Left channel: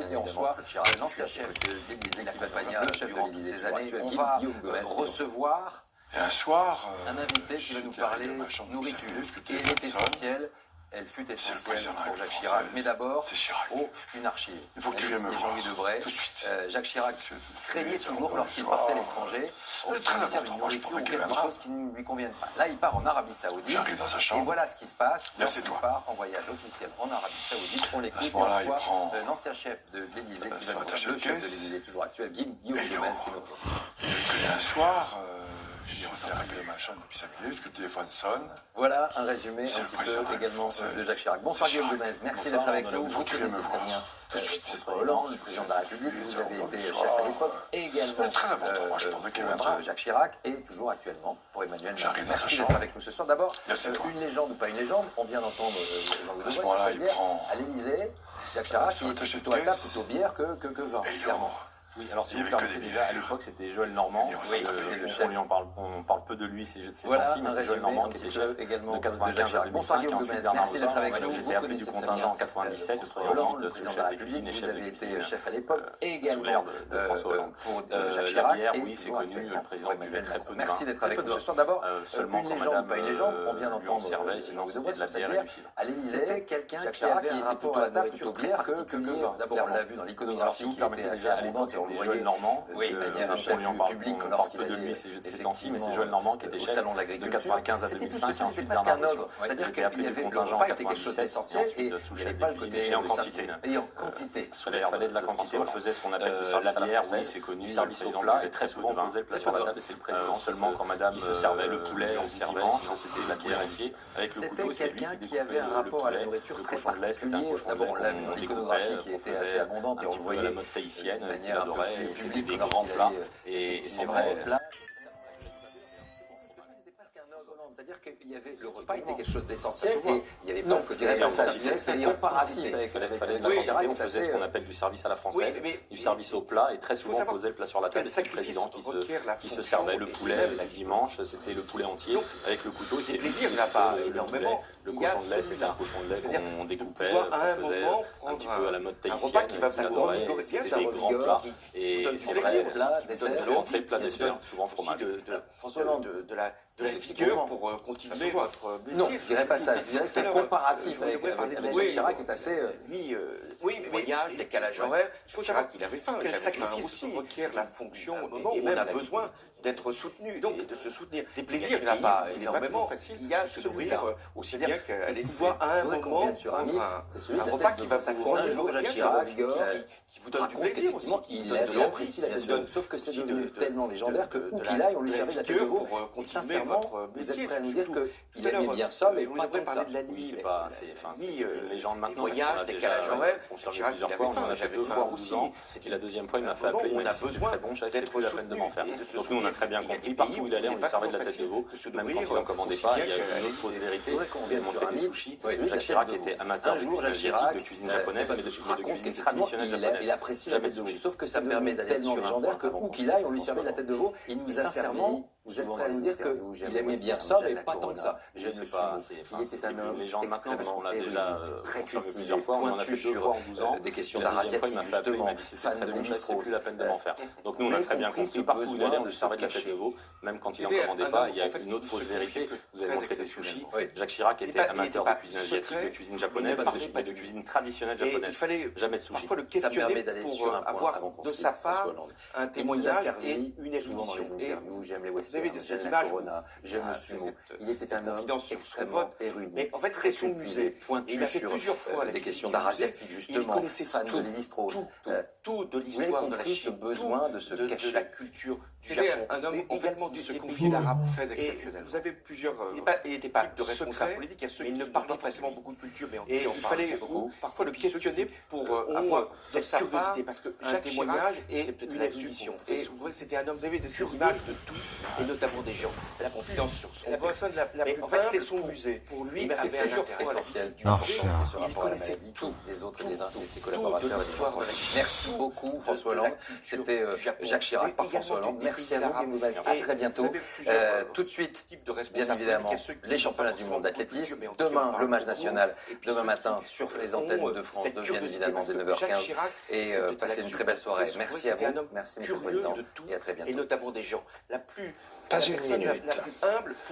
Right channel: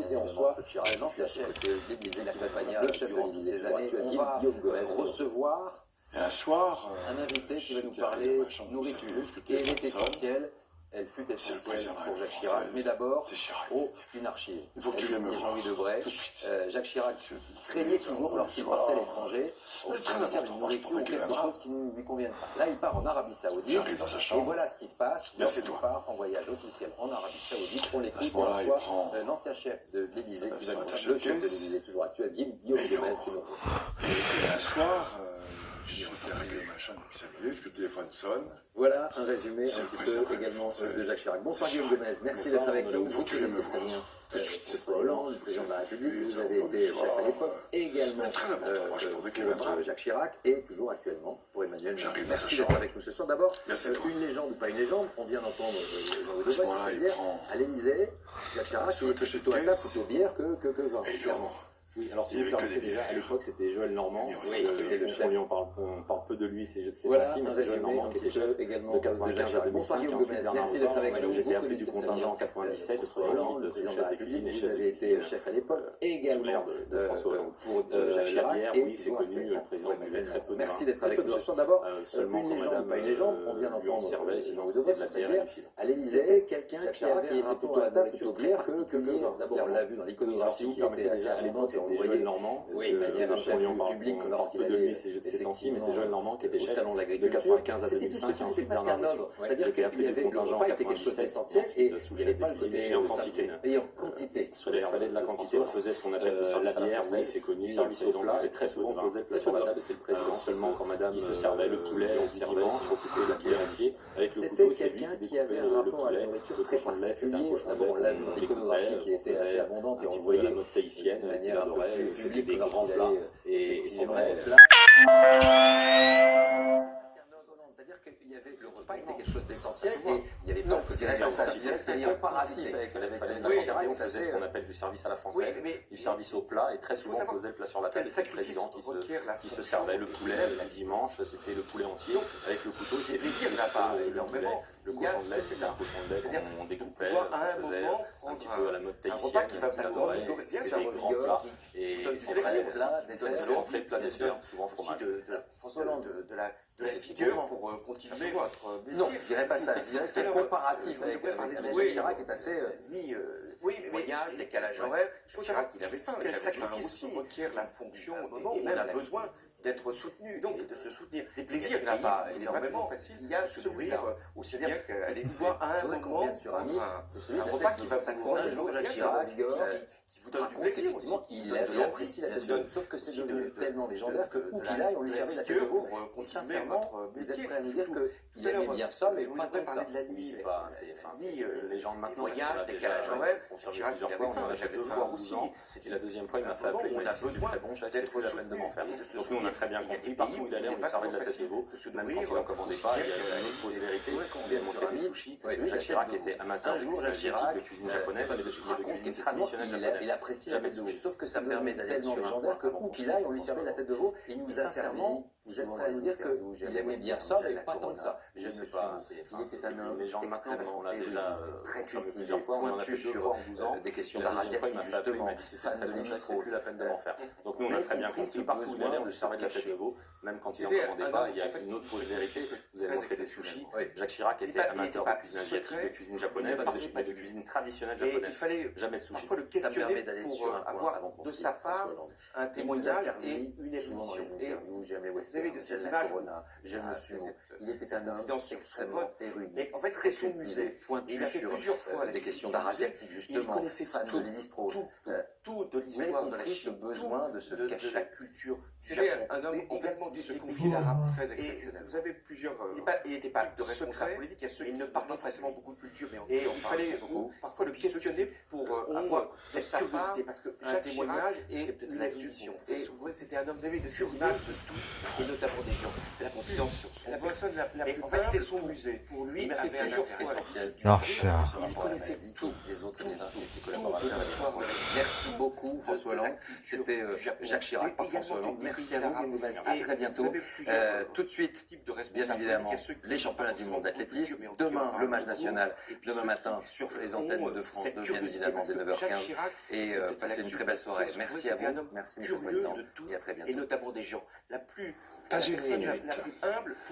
écoute et on soit un ancien chef de l'Élysée qui va venir chef de l'Élysée ces années. On va recevoir Et un soir, un invité qui va nous parler nourriture. Et elle est essentielle. Elle fut essentielle pour Jacques Chirac, mais d'abord, une archive. Il faut que tu viennes me voir, Jean-Louis Debré. tout de suite. Jacques Chirac craignait toujours, lorsqu'il partait à l'étranger, C'est très de faire important, une moi, je nourriture prends ou la quelque caméra. chose qui ne lui convienne pas. Là, il part en Arabie Saoudite. J'arrive dans sa chambre. Et voilà ce qui se passe Là, c'est lorsqu'il toi. part en voyage officiel en Arabie Saoudite. On l'écoute À ce et on moment-là, il reçoit prend l'ancien chef de l'Élysée qui va son nous attaché le de chef de caisse. l'Élysée, toujours actuel, Guillaume Et il Gomez, ouvre. qui nous rejoint. Et un soir, il est arrivé dans ma chambre depuis 5 minutes, que le téléphone sonne. Voilà un résumé C'est un le petit président peu également français. de Jacques Chirac. Bonsoir Chirac. Guillaume Gomez, merci d'être avec nous. Vous tu viens me connaissez très voir. bien Tout de suite. François Hollande, le président de la République. Vous avez été chef à l'époque, également C'est très important, moi, je prends des caméras. pour Jacques Chirac et toujours actuellement pour Emmanuel Macron. J'arrive dans sa Merci chambre. d'être avec nous ce soir. D'abord, Là, c'est toi. une légende ou pas une légende, on vient d'entendre Jean-Louis À ce Debré moment-là, sur il cette bière. prend À l'Élysée, Jacques Chirac, son il était attaché de plutôt à table, caisse. plutôt bière que vin, Et il clairement. ouvre. Oui, alors si Il y vous avait que permettez des déjà, à bières. l'époque c'était Joël Normand, Oui, c'était le chef. on parle peu de lui ces Voilà temps-ci, mais un c'est Joël résumé Normand un qui petit était peu chef également de de Jacques 95 à Chirac. Bonsoir 2005, et Guillaume ensuite Gomez, Bernard merci d'être avec Moussan, nous. j'étais Vous appelé du connaissez très contingent en bien 97, François très Hollande, ensuite le président de chef la de cuisine République. et Vous chef de avez été cuisine chef à l'époque, sous également l'ère de François Hollande. pour Jacques La Chirac. bière, et oui, c'est toujours connu, actuellement le président pour buvait Emmanuel très Macron. peu de Merci vin. d'être avec nous ce soir. D'abord, Seulement une quand légende ou madame pas une légende, on vient lui en d'entendre servait, sinon Jean-Louis c'était Debré de la sur bière cette et bière. du cidre. À l'Élysée, quelqu'un qui était plutôt à table, plutôt bière que vin. D'abord, on l'a vu dans Alors, l'iconographie si vous qui était permettez assez déjà, à l'époque, abondante et on le c'était voyait Joël Normand, de manière un chef on lui en parle, public on lorsqu'il parle peu de allait lui ces temps-ci, mais c'est Joël Normand qui était au chef salon de de l'agriculture. 95 à C'était 2005 et c'était ensuite presque Bernard un Moussan. ordre. C'est-à-dire J'étais qu'il y appelé avait du le contingent repas était quelque chose 97, d'essentiel ensuite et sous il n'y chef avait de pas le cuisine côté et en quantité. et en quantité. Il fallait de la quantité, on faisait ce qu'on appelle le la service à la bière, française, oui, c'est connu, du le service président au plat, et très souvent on posait le plat sur la table et c'est le président seulement quand madame qui se servait le poulet, on servait dimanche, c'était la bière entier avec le couteau, C'était c'est lui quelqu'un qui qui avait un découpait le rapport à la poulet, nourriture le très cochon de lait, c'était un particulier. cochon de D'abord, lait on l'a vu dans qu'on l'iconographie découpait, qui était assez abondante et on un petit peu voyait la mode tahitienne de qu'il manière un peu adorait, plus et c'était publique des grands lorsqu'il plats, allait, et c'est effectivement, vrai. plat. C'est-à-dire qu'il y avait le repas était quelque chose d'essentiel et il y avait pas le côté comparatif avec Jacques Chirac, on faisait ce qu'on appelle du service à la française, du service au plat, et très souvent on posait le plat sur la table, et c'est le président qui se servait le poulet le dimanche, c'était le poulet entier avec le couteau, c'est plaisir, il n'a pas énormément. le cochon de lait, c'était un cochon de lait qu'on découpait, à un qu'on faisait moment un petit peu à la mode tahitienne, repas qui va qu'on vous adorait, revigorer, c'était ça des revigore, grands plats, qui et donne c'est du vrai, plaisir, plat, qui dessert, donne entrée, plat, bien dessert, sûr, souvent aussi fromage. François Hollande. de la vigueur pour continuer votre métier. Non, je dirais pas ça. Je dirais que le comparatif avec Jacques Chirac est assez. Lui, Oui, mais voyage, décalage horaire, il faut savoir qu'il avait faim. Quel sacrifice aussi requiert la fonction et même a besoin d'être soutenu et de se soutenir. Des plaisirs, il n'a pas énormément facile. Il y a se nourrir aussi bien qu'à pouvoir à un moment prendre un repas qui va vous un jour Jacques Chirac qui vous donne du raconte plaisir aussi, effectivement qui qu'il donne de apprécie la l'envie, viande. Sauf que c'est devenu tellement légendaire que où qu'il aille, on lui servait de la tête de veau. Et sincèrement, vous êtes prêt à nous dire qu'il aimait bien ça, mais pas tant que ça. de la nuit, C'est pas, c'est une légende maintenant. voyage, décalage horaire, confirmé Chirac, plusieurs il fois, avait on en a faim, fait deux j'avais fois faim ou 12 aussi. ans. C'était la deuxième fois, il m'a fait Vraiment, appeler, on il a m'a dit, besoin très bon chef, c'est d'être plus la peine de m'en faire. soutenu et de se Donc nous, on a très bien soutenir. compris, partout où il allait, on lui servait de la tête de veau, même quand il en commandait pas, il y a une autre fausse vérité, on lui a montré des sushis. Jacques Chirac était amateur de cuisine asiatique, de cuisine japonaise, mais de cuisine traditionnelle japonaise. Il apprécie la Jamais tête de de veau. sushi. Sauf que ça permet d'aller tellement légendaire que où qu'il aille, on lui servait de la tête de veau. Il nous a servi. Vous êtes prêt à nous dire qu'il aimait bien ça, mais pas tant que ça. Je sais pas, c'est une légende maintenant, parce qu'on l'a déjà très confirmé cultivé, plusieurs fois, on en a fait pointu deux fois en 12 ans. des questions La deuxième fois, il m'a fait appeler, il m'a d'arabiatique, dit c'était fan très de bon chef, c'est Lévi-Strauss. plus la peine de m'en faire. Donc nous, on a très bien compris, partout où il allait, on lui servait de la tête de veau, même quand il n'en commandait pas, il y a une autre fausse vérité. Vous avez montré des sushis. Jacques Chirac était amateur de cuisine asiatique, de cuisine japonaise, mais de cuisine traditionnelle Et il japonaise. fallait Jamais de sushi. parfois le Ça permet questionner d'aller pour sur un point avoir avant qu'on de se sa quitte, François part Hollande. un Il nous a témoignage servi et une souvent dans les émission. Et interviews, j'aime les vous avez westerns, de ces j'aime la images Corona, j'aime le sumo. Il était un homme confidence sur extrêmement son érudit. Mais en fait, très c'était son cultivé, musée. Il pointu a fait sur plusieurs fois la des visite questions du d'arabiatique, musée. justement, Il connaissait fan tout, de Lévi-Strauss. tout de Vous avez l'histoire de la compris ce Chine, besoin de se de cacher. la culture du C'était Japon. un homme Et également de ce des conflit pays arabe arabes. très Et exceptionnel. vous avez plusieurs. Il n'était pas de responsable politique, il y a ceux qui ne parlaient pas forcément beaucoup de culture, mais et il fallait parfois le questionner pour avoir cette curiosité, parce que chaque témoignage est peut-être une mission. Et vous voyez, c'était un homme, vous avez de ces images de tout, et notamment des gens. C'est la confidence sur son voix. Mais en fait, c'était son musée. Pour lui, il a fait plusieurs fois essentiel du Archer. il connaissait tout des autres et des uns et de ses collaborateurs. Merci beaucoup François Hollande. C'était Jacques Chirac par François Hollande. Merci à vous, Guillaume Gomez. À très bientôt. Tout de suite, bien évidemment, les championnats du monde d'athlétisme. Demain, le match national. Demain matin, sur les antennes de France 2, bien évidemment, dès 9h15. et passez une très belle soirée. Merci à vous, merci Monsieur le Président, et à très bientôt. Et notamment des gens. Pas une minute.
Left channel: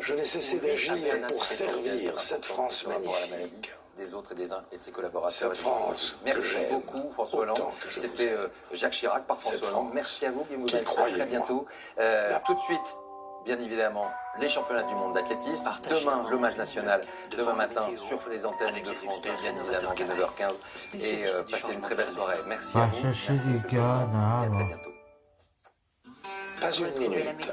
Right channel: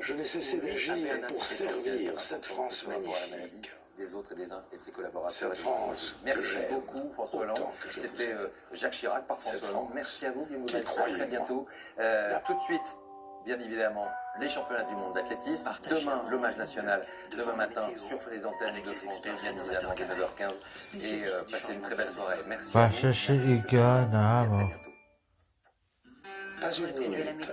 Je n'ai cessé d'agir pour servir cette France magnifique. Des autres et des uns et de ses collaborateurs. Cette France. Merci beaucoup François Hollande. C'était Jacques Chirac par François Hollande. Merci à vous, Guy. À très bientôt. Tout de suite, bien évidemment, les championnats du monde d'athlétisme. Demain, le match national. Demain matin, sur les antennes de France 2, bien évidemment, à 9h15. Et passez une très belle soirée. Merci à vous. Merci et à très bientôt. Pas une minute.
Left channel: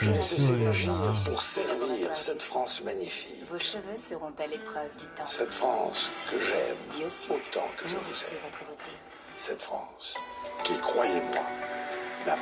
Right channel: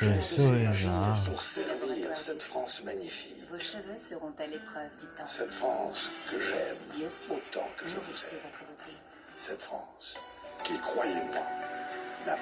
Je n'ai cessé d'agir pour servir cette France magnifique. Vos cheveux seront à l'épreuve du temps. Cette France que j'aime autant que je vous aime. Votre beauté. Cette France qui, croyez-moi, n'a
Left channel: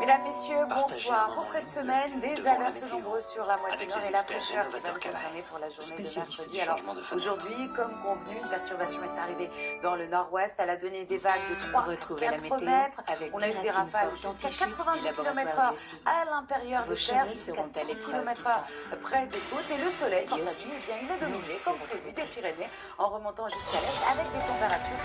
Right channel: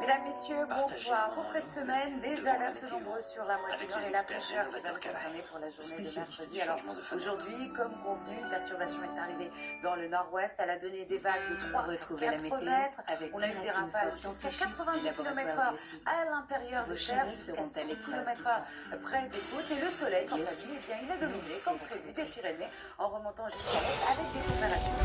Mesdames, Messieurs, bonsoir. Pour cette semaine, des alertes nombreuses sur la moitié nord et la fraîcheur qui va nous concerner pour la journée de mercredi. Alors aujourd'hui, comme convenu, une perturbation est arrivée dans le nord-ouest. Elle a donné des vagues de 3 à 4 mètres. On a eu des rafales jusqu'à 90 km/h à l'intérieur de terre, jusqu'à 100 km/h près des côtes. Et le soleil, quant à lui, eh bien, il est dominé, comme prévu, des Pyrénées, en remontant jusqu'à l'est avec des températures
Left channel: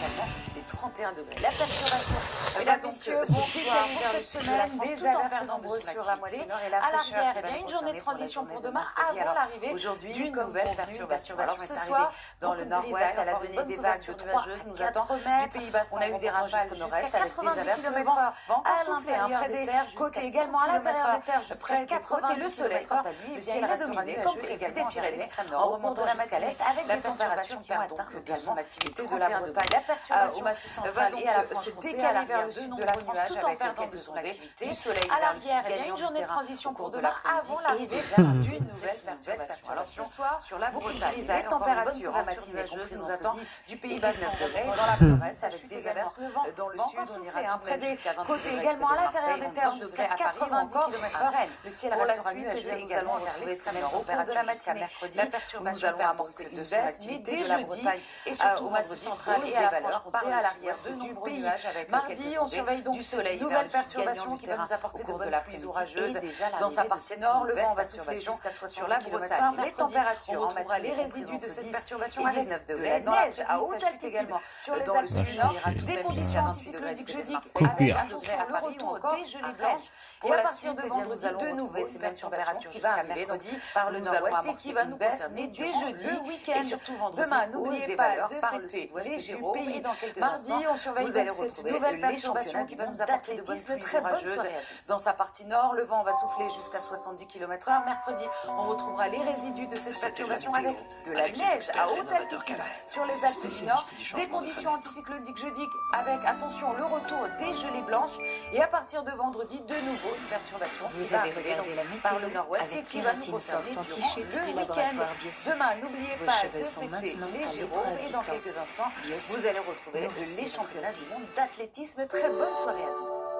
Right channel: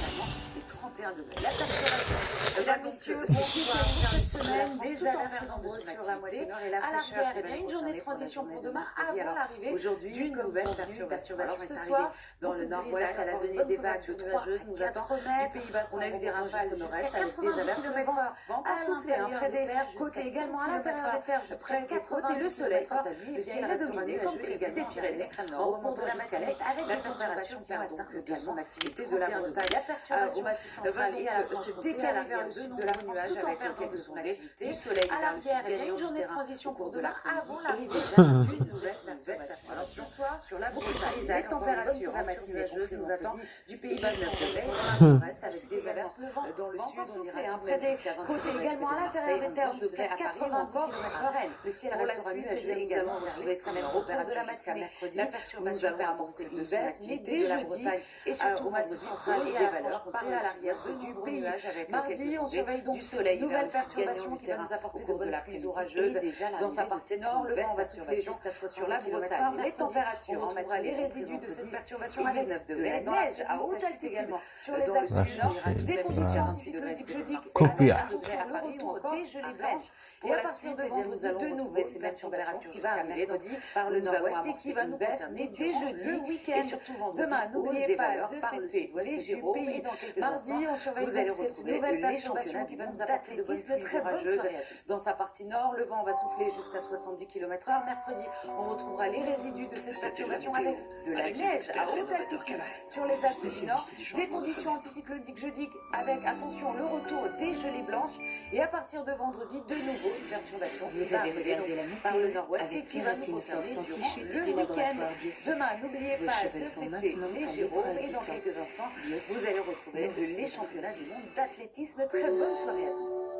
totalement les 31 degrés. La perturbation, mesdames, messieurs, bonsoir. Cette semaine, des alertes nombreuses sur la moitié nord et la fraîcheur. Il y a une journée de transition pour demain avant l'arrivée d'une nouvelle perturbation. Alors ce soir, dans le nord-ouest, elle a donné des vagues de nuageuses, nous attend du Pays Basque. On a eu des rafales jusqu'à 80 km/h à l'intérieur des terres, côté également à l'intérieur des terres, près des côtes. Et le soleil, quant à lui, le ciel est dominé, comme prévu, des Pyrénées, en remontant jusqu'à l'est avec des températures qui vont atteindre également l'activité de la Bretagne. La perturbation au Massif central et à la se décaler vers le sud de la France tout en perdant de son activité. Du soleil à l'arrière, il y a une journée de transition pour demain avant l'arrivée d'une nouvelle perturbation. Alors ce soir, sur la Bretagne, les températures matineuses nous attendent du Pays Basque dans la Bresse avec des averses dans le sud. On ira près des côtés également à l'intérieur des terres jusqu'à 90 km/h. Le ciel restera nuageux également vers l'extrême au cours de la matinée. Mercredi, nous allons amorcer une baisse, mais dès jeudi et surtout au Massif central et à la Franche-Comté à l'arrière du pays. Mardi, on surveille donc cette nouvelle perturbation qui va nous apporter de bonnes pluies orageuses. Dans sa partie nord, le vent va souffler jusqu'à sur la Bretagne. Les températures, on retrouvera les résidus de cette perturbation avec de la neige à haute altitude sur les Alpes du Nord, des conditions anticycloniques jeudi avec un degré à Paris ou encore des gelées blanches. Et à partir de vendredi, de nouveau, ces perturbations jusqu'à mercredi par le nord-ouest et qui va nous concerner dès jeudi et surtout vendredi. Demain, n'oubliez pas de fêter les Gémeaux et dans quelques instants, on surveille donc cette nouvelle perturbation qui va nous apporter de bonnes pluies orageuses. Dans sa partie nord, le vent va souffler jusqu'à 70 km/h. Mercredi, on retrouvera les résidus de cette perturbation avec de la neige à haute altitude sur les Alpes du Nord, des conditions anticycloniques jeudi avec, attention, le retour des gelées blanches. Et à partir de vendredi, de nouveau, une perturbation. Vous avez regardé la météo avec Kératine Forte anti-chute du laboratoire Biocide. Demain, n'oubliez Vos pas cheveux de sont fêter maintenant les à Gémeaux l'épreuve et du dans temps. quelques instants, Biocide. vous allez retrouver Nourrissez les votre championnats du beauté. monde d'athlétisme. Très bonne soirée à tous.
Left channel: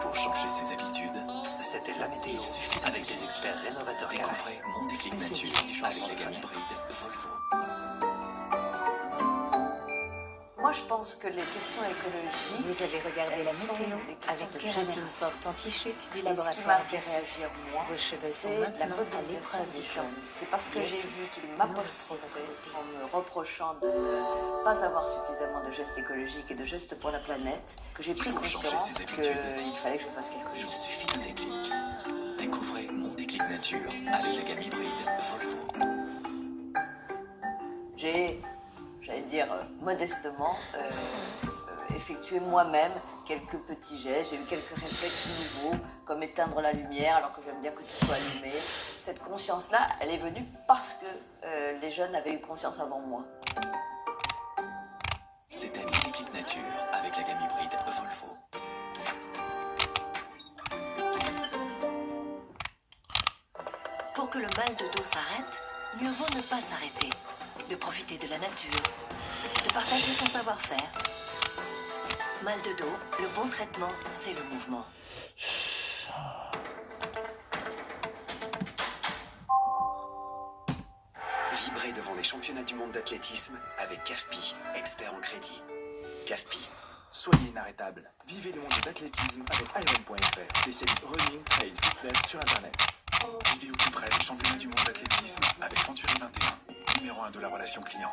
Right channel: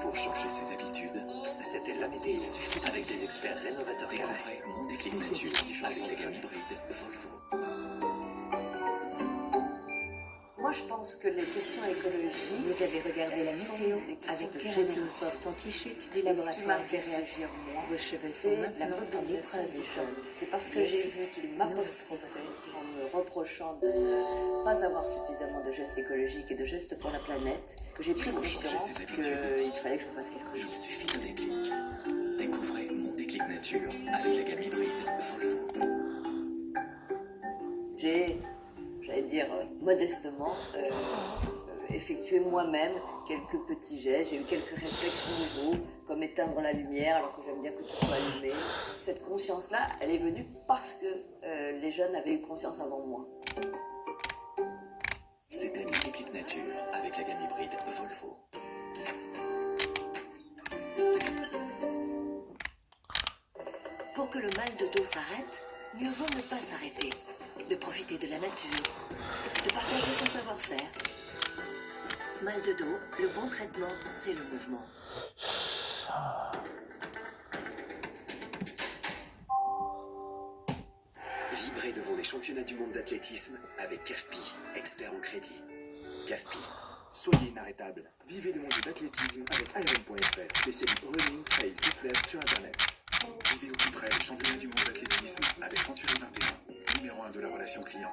Pour changer ses habitudes, c'était la météo. Avec les experts rénovateurs. Découvrez Mon Déclic Nature avec la gamme hybride Volvo. Moi, je pense que les questions écologiques... Vous avez regardé la météo avec Kératine Forte anti-chute du laboratoire Biocide. Vos cheveux sont maintenant à l'épreuve du temps. C'est parce que j'ai vu qu'il m'apostrophait en me reprochant de ne pas avoir suffisamment de gestes écologiques et de gestes pour la planète que j'ai pris conscience qu'il fallait que je fasse quelque Il chose. suffit d'un déclic. Découvrez Mon Déclic Nature avec la gamme hybride Volvo. J'ai, j'allais dire modestement, effectué moi-même quelques petits gestes. J'ai eu quelques réflexes nouveaux, comme éteindre la lumière alors que j'aime bien que tout soit allumé. Cette conscience-là, elle est venue parce que les jeunes avaient eu conscience avant moi. C'était Mon Déclic Nature avec la gamme hybride Volvo. Pour que le mal de dos s'arrête, mieux vaut ne pas s'arrêter, de profiter de la nature, de partager son savoir-faire. Mal de dos, le bon traitement, c'est le mouvement. Vibrez devant les championnats du monde d'athlétisme avec CAFPI, expert en crédit. CAFPI. Soyez inarrêtable. Vivez le monde de l'athlétisme avec Iron.fr, spécialiste running, trail, fitness sur Internet. Vivez au plus près le championnat du monde d'athlétisme avec Century 21, numéro de la relation client.